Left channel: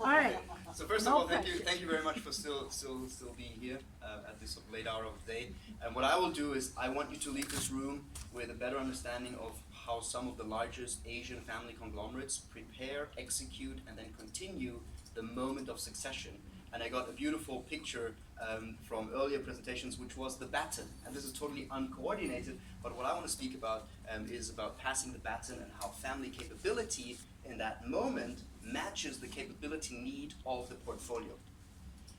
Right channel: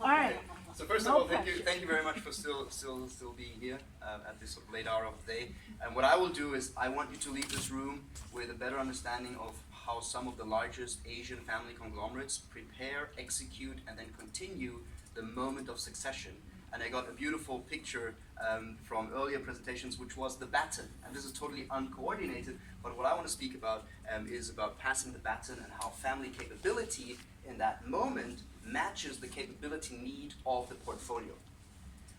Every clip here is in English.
All right. So first of all, thank you very much for still being here at this sort of late hour of the day. And what I will do is I want you to leave this room with a better understanding of how some of the largest Asian family conglomerates prepare, execute, and then continue the moment of succession. And I got a beautiful picture from earlier presentations, which was the baton. And this is totally uncoordinated, but what I want to speak about is about passing the baton and how family capability in that moment matches the capability need of the portfolio.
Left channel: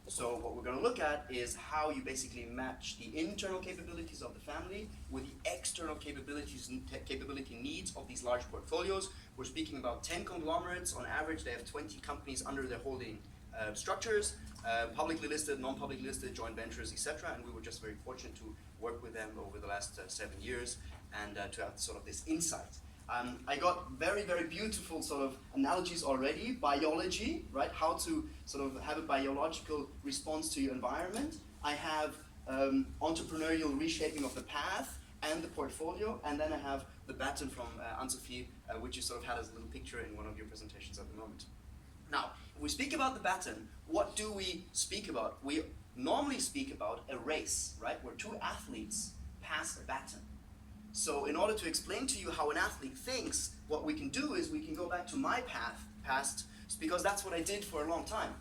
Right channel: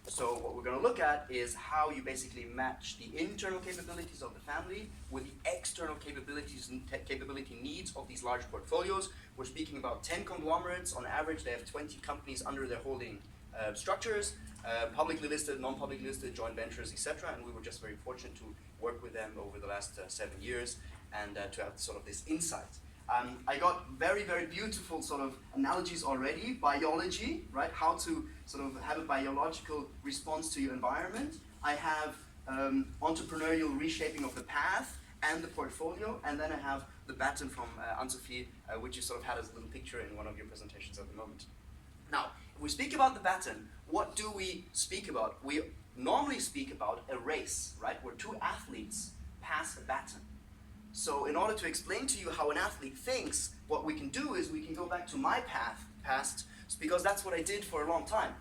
So what we're going to look at is how you basically match the internal capabilities of the family with the external capability needs of these large portfolios. We're speaking about 10 conglomerates. On average, they have 20 companies under their holding structures, publicly listed, non-publicly listed, joint ventures, etc. And we were just very fortunate to work with them over the last 7 years and to have sort of this insight. I got very, very beautiful sort of analogies already. Biology, right? How to sort of have a biological response to your environment. I have entrepreneurial reshaping of the path and the portfolio, and then I have the baton from Anne-Sophie, which you sort of had as a little picture in one of your presentations at the moment. Now, if we speak about the baton, what do we speak about? We normally speak about a race, right? Where two athletes pass a baton. So in order to explain to you how an athlete thinks, what we can do is we can go back to my past, because that's what I did for a long time.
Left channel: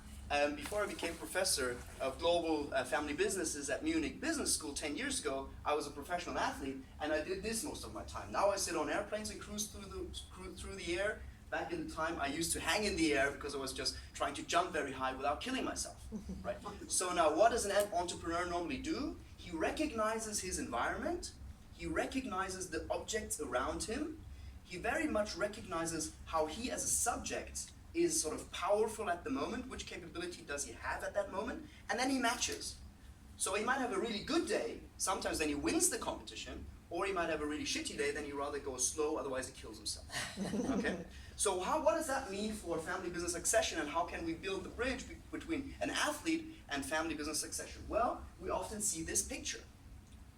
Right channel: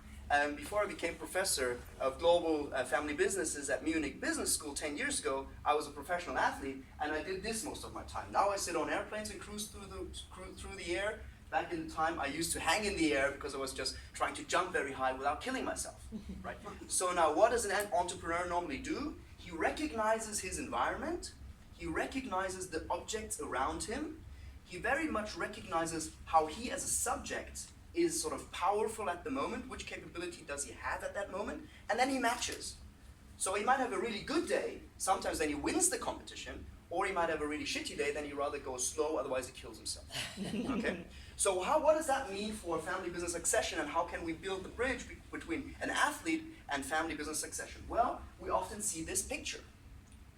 Before I became professor of global family businesses at Munich Business School 10 years ago, I was a professional athlete, and I did this most of my time. Now I sit on airplanes and cruise through the air. Back in the time, I used to hang in the air because I was just trying to jump very high without killing myself, right? So now what does an entrepreneur normally do? He recognizes his environment. He recognizes the objects around him. He very much recognizes how he as a subject is sort of powerful at the moment, which capability does he have at that moment, and then he matches. So he might have a really good day, sometimes then he wins the competition, or he might have a really shitty day, then he rather goes slow, otherwise he kills himself. Okay? So what does that mean for family business succession, and how can we build the bridge between an athlete and family business succession? Well, we often see this picture,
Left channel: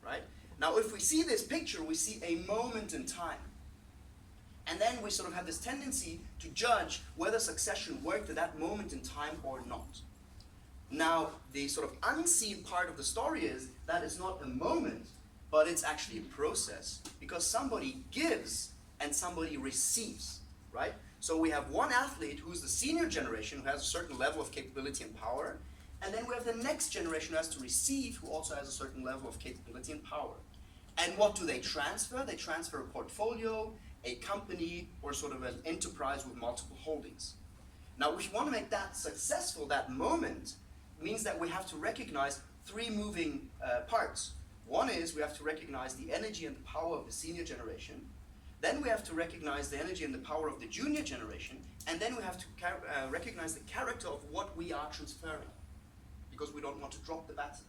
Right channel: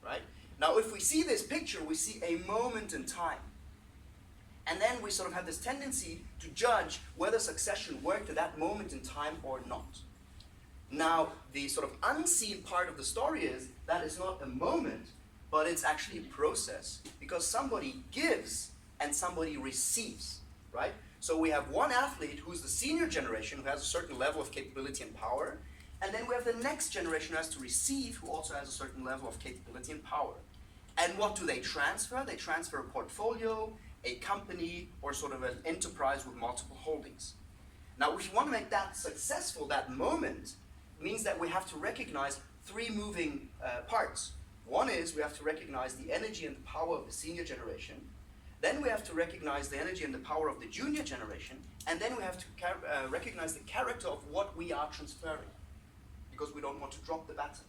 right? Now, if we see this picture, we see a moment in time. And then we sort of have this tendency to judge whether succession worked at that moment in time or not. Now, the sort of unseen part of the story is that it's not a moment, but it's actually a process, because somebody gives and somebody receives, right? So we have one athlete who's the senior generation, who has a certain level of capability and power, and then we have the next generation who has to receive, who also has a certain level of capability and power. And what do they transfer? They transfer a portfolio, a company, or sort of an enterprise with multiple holdings. Now, if you want to make that successful, that moment, means that we have to recognize three moving parts. One is we have to recognize the energy and the power of the senior generation. Then we have to recognize the energy and the power of the junior generation. And then we have to recognize the character of what we are transferring, because we don't want to drop the baton.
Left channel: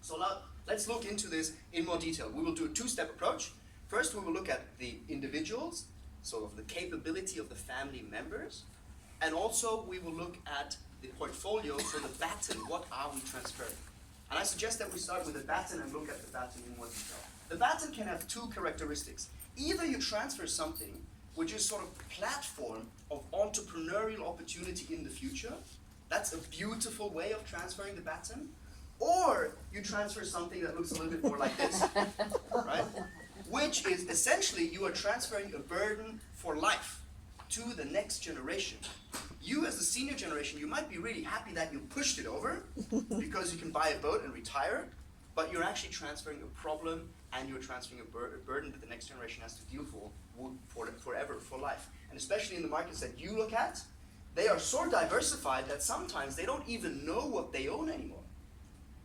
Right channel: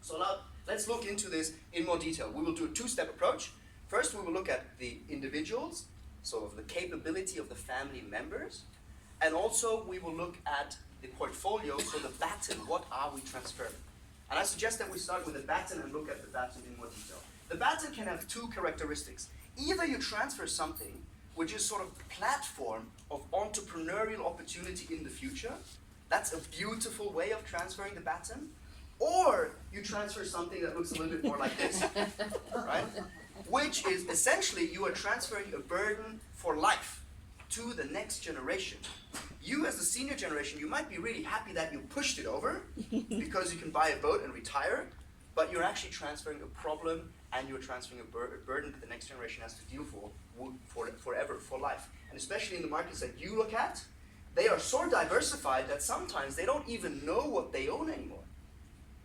So now, let's look into this in more detail. We will do a two-step approach. First, we will look at the individuals, sort of the capability of the family members. And also, we will look at the portfolio, so the baton, what are we transferring? And I suggest that we start with the baton and look at the baton in more detail. The baton can have two characteristics. Either you transfer something which is sort of the platform of entrepreneurial opportunity in the future. That's a beautiful way of transferring the baton. Or you transfer something that looks a little bit more like this, right? Which is essentially you are transferring a burden for life to the next generation. You as the senior generation, you might be really happy that you pushed it over because you can buy a boat and retire, but you're actually transferring a problem and you're transferring a burden that the next generation has to deal for forever, for life. And especially in the markets that you look at, they are so diversified that sometimes they don't even know what they own anymore.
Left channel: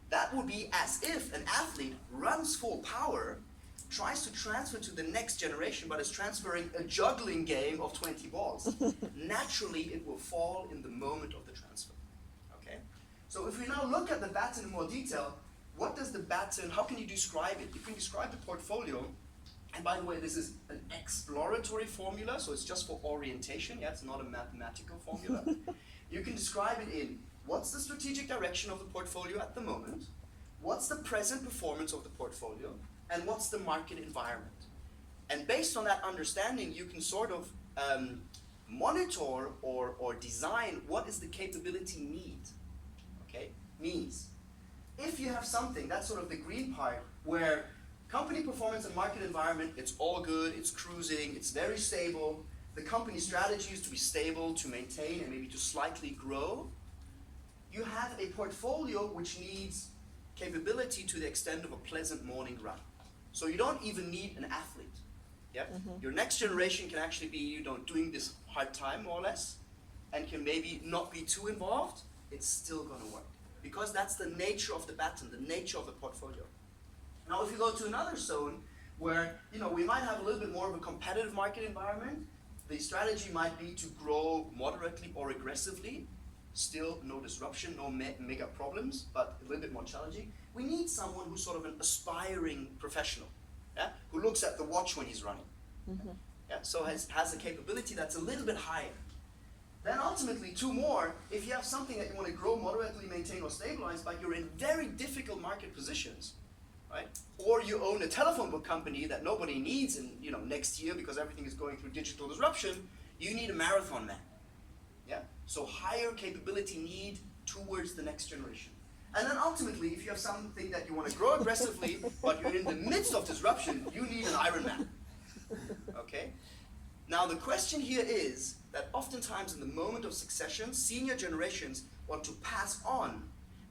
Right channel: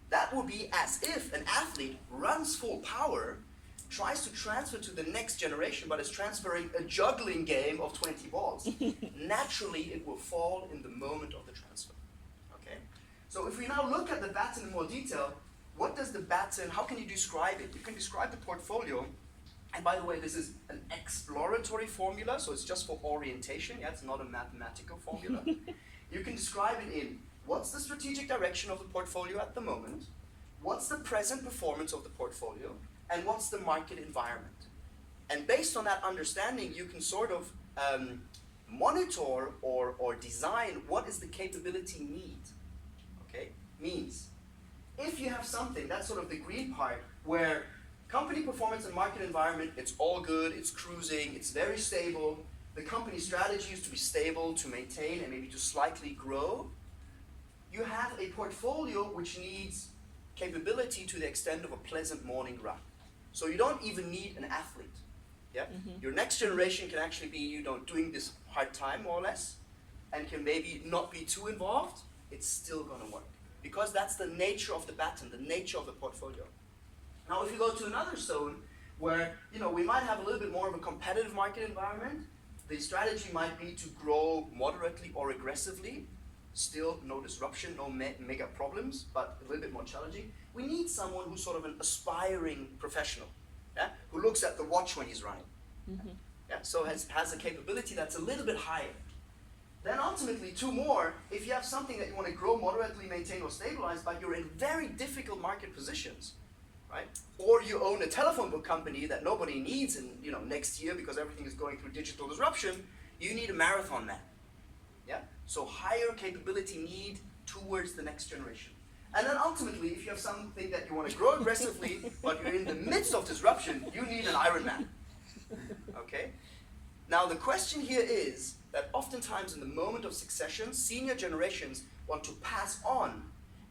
That would be as if an athlete runs full power, tries to transfer to the next generation, but is transferring a juggling game of 20 balls. Naturally, it will fall in the moment of the transfer. Okay? So if we now look at the baton in more detail, what does the baton, how can you describe it? You can describe the portfolio, and by the way, this is an exploratory formula, so it's just for orientation. Yeah, it's not a mathematical formula. You can describe it in what's the strategic direction of the portfolio at the moment, what's the present performance of the portfolio, and what's the market environment. And based on that understanding, you can sort of monitor or design what is the capability need. Okay? Means, if you have something, that's sort of the green part, where company performance and market environment, it's all good, it's cruising, it's very stable, the company strategy is to be stable, to maintain, and maybe to slightly grow, you have a portfolio which needs capability to the extent of a pleasant morning run. So you don't even need an athlete. Yeah? Your next generation can actually be, doing this hard time, more or less, and can maybe not be too involved. It's still going to work. Because that's the nature of the baton, the nature of the portfolio. Now, if you go to another zone where we might have a little bit more of a competitive market environment, the strategy might be to grow moderately or aggressively. Still no disruption, no mega problems, but a little bit more challenging. We need someone who's sort of an aspiring professional, yeah? Who looks at the watch when he's running. Yeah? So has a capability that's a little bit higher. Then ultimately, two more, if you have something that you want to grow, moderately, maintain, or stabilize, but you're in very difficult market positions, right? Or you own a telephone book company that nobody needs in next year because everything is going through digital disruption, you need a marathon man. Yeah? So higher capability need towards the next generation. And then ultimately, if you have something that you want to grow aggressively, but you're in the midst of disruption, you need an Iron Man. Okay? Now the question here is that oftentimes in the moment of succession, senior generations want to pass on,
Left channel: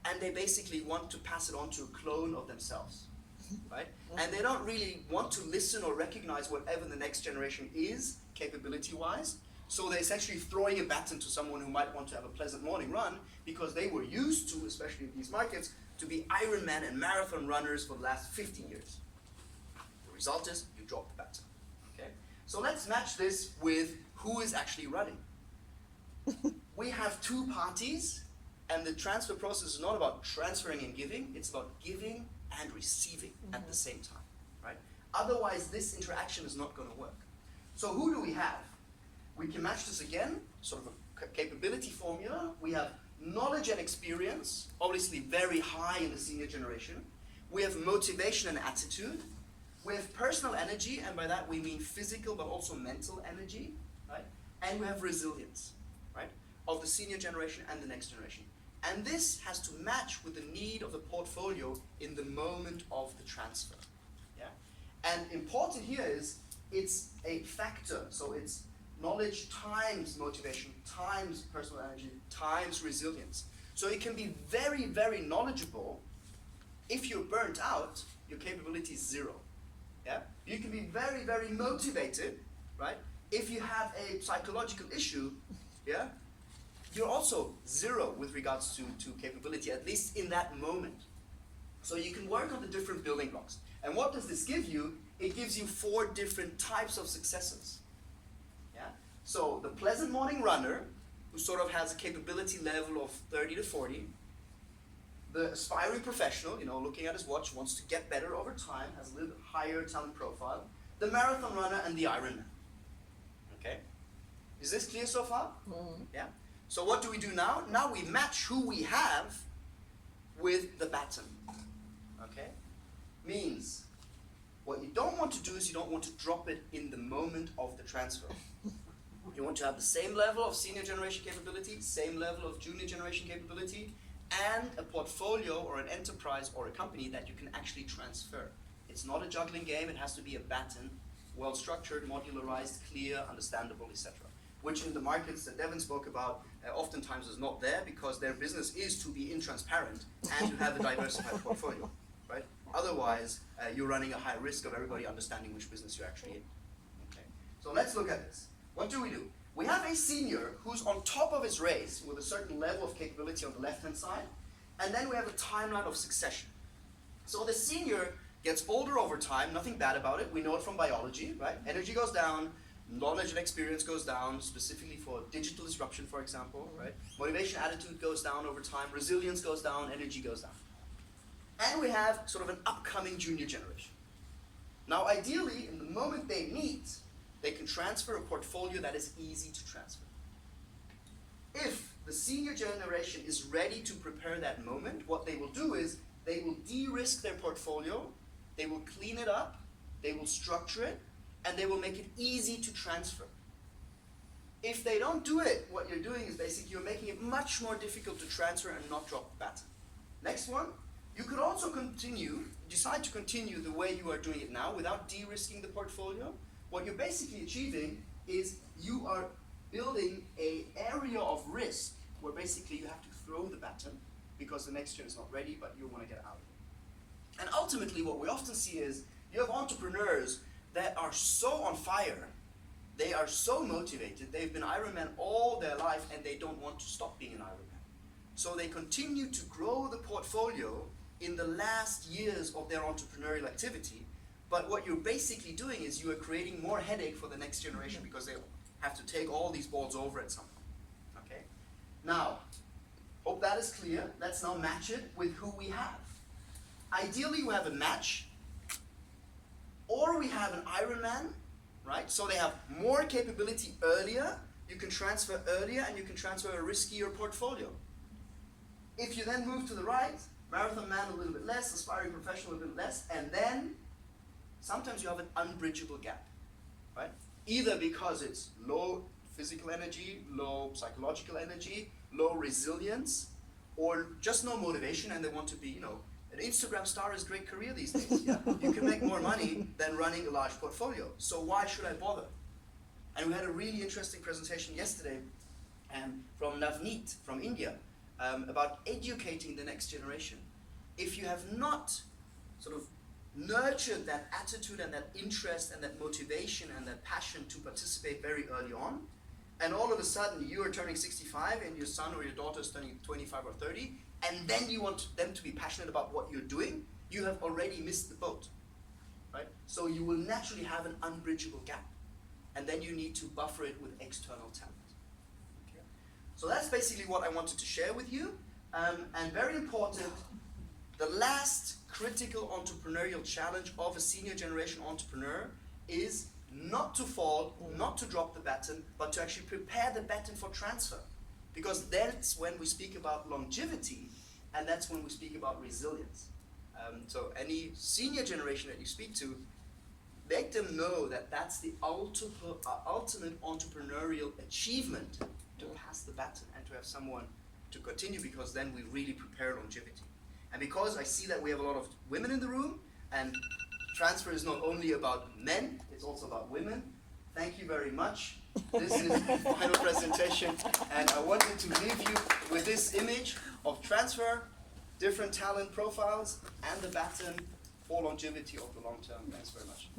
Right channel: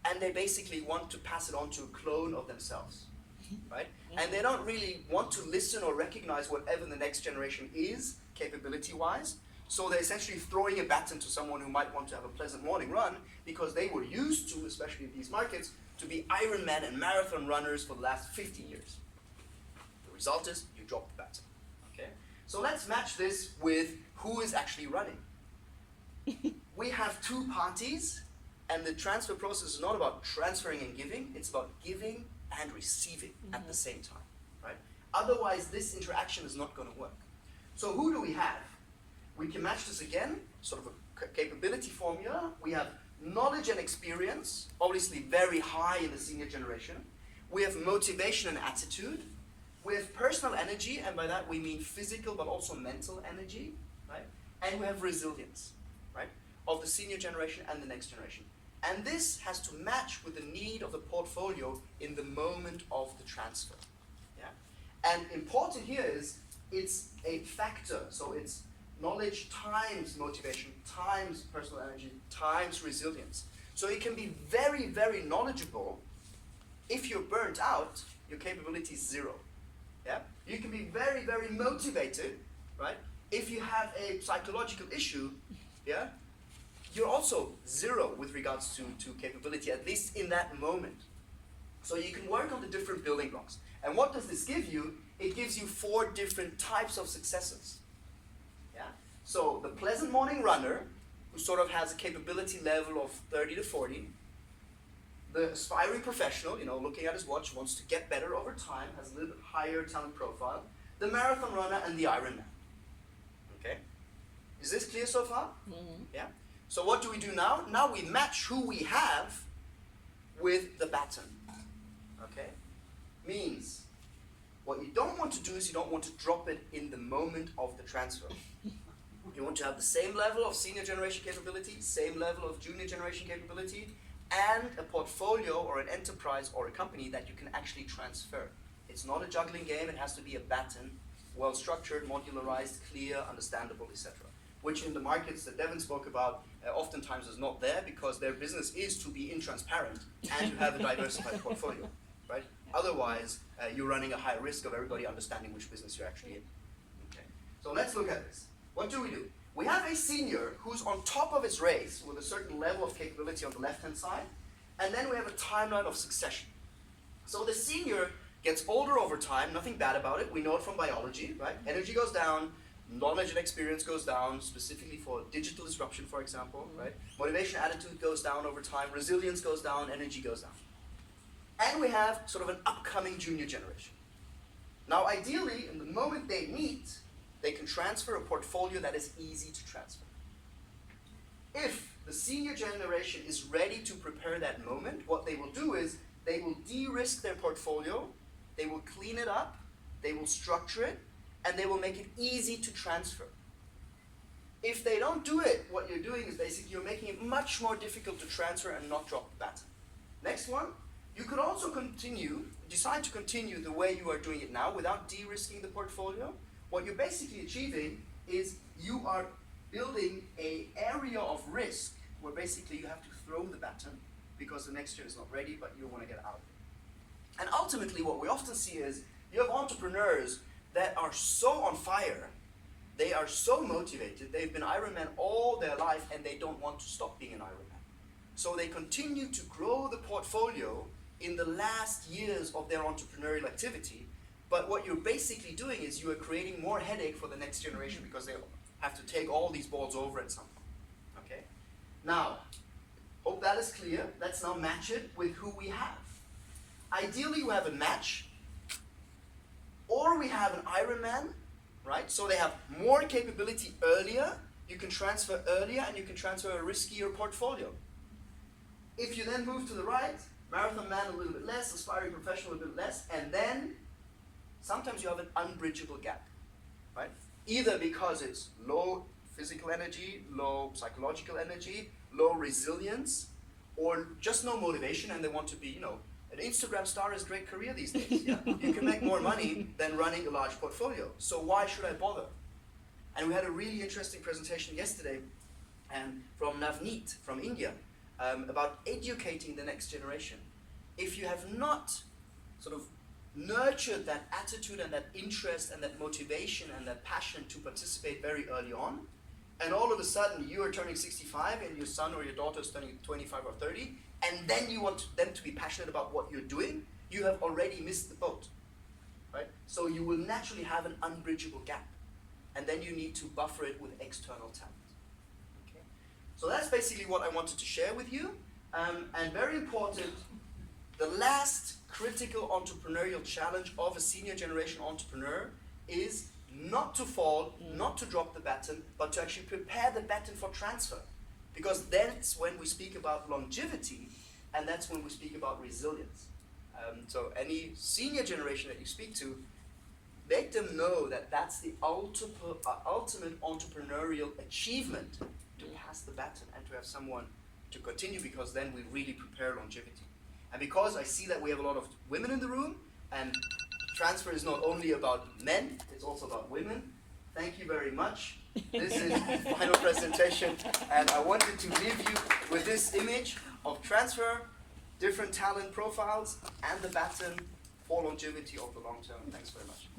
and they basically want to pass it on to a clone of themselves. Right? And they don't really want to listen or recognize whatever the next generation is, capability-wise. So they're essentially throwing a baton to someone who might want to have a pleasant morning run because they were used to, especially in these markets, to be Ironman and marathon runners for the last 50 years. The result is you drop the baton. Okay? So let's match this with who is actually running. We have two parties, and the transfer process is not about transferring and giving, it's about giving and receiving at the same time. Right? Otherwise, this interaction is not going to work. So who do we have? We can match this again, sort of a capability formula. We have knowledge and experience, obviously very high in the senior generation. We have motivation and attitude. We have personal energy, and by that we mean physical but also mental energy, right? And we have resilience, right? Of the senior generation and the next generation. And this has to match with the need of the portfolio in the moment of the transfer, yeah? And important here is it's a factor, so it's knowledge times motivation, times personal energy, times resilience. So it can be very, very knowledgeable. If you're burnt out, your capability is zero. Yeah? You can be very, very motivated, right? If you have a psychological issue, yeah, you're also zero with regards to capability, at least in that moment. So you can work on the different building blocks. And what does this give you? It gives you 4 different types of successes. So the pleasant morning runner, who sort of has a capability level of 30 to 40, the aspiring professional, looking at his watch, wants to get better over time, has a little bit higher talent profile, the marathon runner, and the Ironman. Okay? Is this clear so far? Yeah? So what do we do now? Now we match who we have with the baton. Okay? Means, what you don't want to do is you don't want to drop it in the moment of the transfer. You want to have the same level of senior generation capability, same level of junior generation capability, and a portfolio or an enterprise or a company that you can actually transfer. It's not a juggling game, it has to be a baton, well structured, modularized, clear, understandable, etc. Which in the markets that Devin spoke about, oftentimes is not there because their business is to be intransparent and to have a diversified portfolio, right? Otherwise, you're running a high risk of everybody understanding which business you're actually in. Okay. So let's look at this. What do? We have a senior who's on top of his race with a certain level of capability on the left-hand side, and then we have a timeline of succession. So the senior gets older over time, nothing bad about it, we know it from biology, right? Energy goes down, knowledge and experience goes down, specifically for digital disruption, for example, right? Motivation, attitude goes down over time, resilience goes down, energy goes down. And we have sort of an upcoming junior generation. Now ideally, in the moment they meet, they can transfer a portfolio that is easy to transfer. If the senior generation is ready to prepare that moment, what they will do is they will de-risk their portfolio, they will clean it up, they will structure it, and they will make it easy to transfer. If they don't do it, what you're doing is basically you're making it much more difficult to transfer and not drop the baton. Next one, you could also decide to continue the way you are doing it now without de-risking the portfolio. What you're basically achieving is you are building an area of risk where basically you have to throw the baton because the next year is not ready, but you want to get out of it. And ultimately what we often see is you have entrepreneurs that are so on fire, they are so motivated, they've been Ironman all their life and they don't want to stop being an Ironman. So they continue to grow the portfolio in the last years of their entrepreneurial activity, but what you're basically doing is you are creating more headache for the next generation because they have to take all these balls over at some point. Okay? Now, hope that is clear. Let's now match it with who we have. Ideally, we have a match, or we have an Ironman, right? So they have more capability earlier, you can transfer earlier, and you can transfer a riskier portfolio. If you then move to the right, marathon man a little bit less, aspiring professional a little bit less, and then sometimes you have an unbridgeable gap, right? Either because it's low physical energy, low psychological energy, low resilience, or just no motivation and they want to be, you know, an Instagram star is a great career these days. Yeah? You can make more money than running a large portfolio. So why should I bother? And we had a really interesting presentation yesterday from Navneet from India about educating the next generation. If you have not sort of nurtured that attitude and that interest and that motivation and that passion to participate very early on, and all of a sudden you are turning 65 and your son or your daughter is turning 25 or 30, and then you want them to be passionate about what you're doing, you have already missed the boat, right? So you will naturally have an unbridgeable gap, and then you need to buffer it with external talent. Okay? So that's basically what I wanted to share with you, and very important, the last critical entrepreneurial challenge of a senior generation entrepreneur is not to fall, not to drop the baton, but to actually prepare the baton for transfer. Because that's when we speak about longevity, and that's when we speak about resilience. So any senior generation that you speak to, make them know that that's the ultimate entrepreneurial achievement, to pass the baton and to have someone to continue, because then we really prepare longevity. And because I see that we have a lot of women in the room, and transfer is not only about men, it's also about women. Thank you very much. This is the final presentation, and I wanted to leave you with this image of transfer, different talent profiles, and the baton for longevity over the long term. Thanks very much.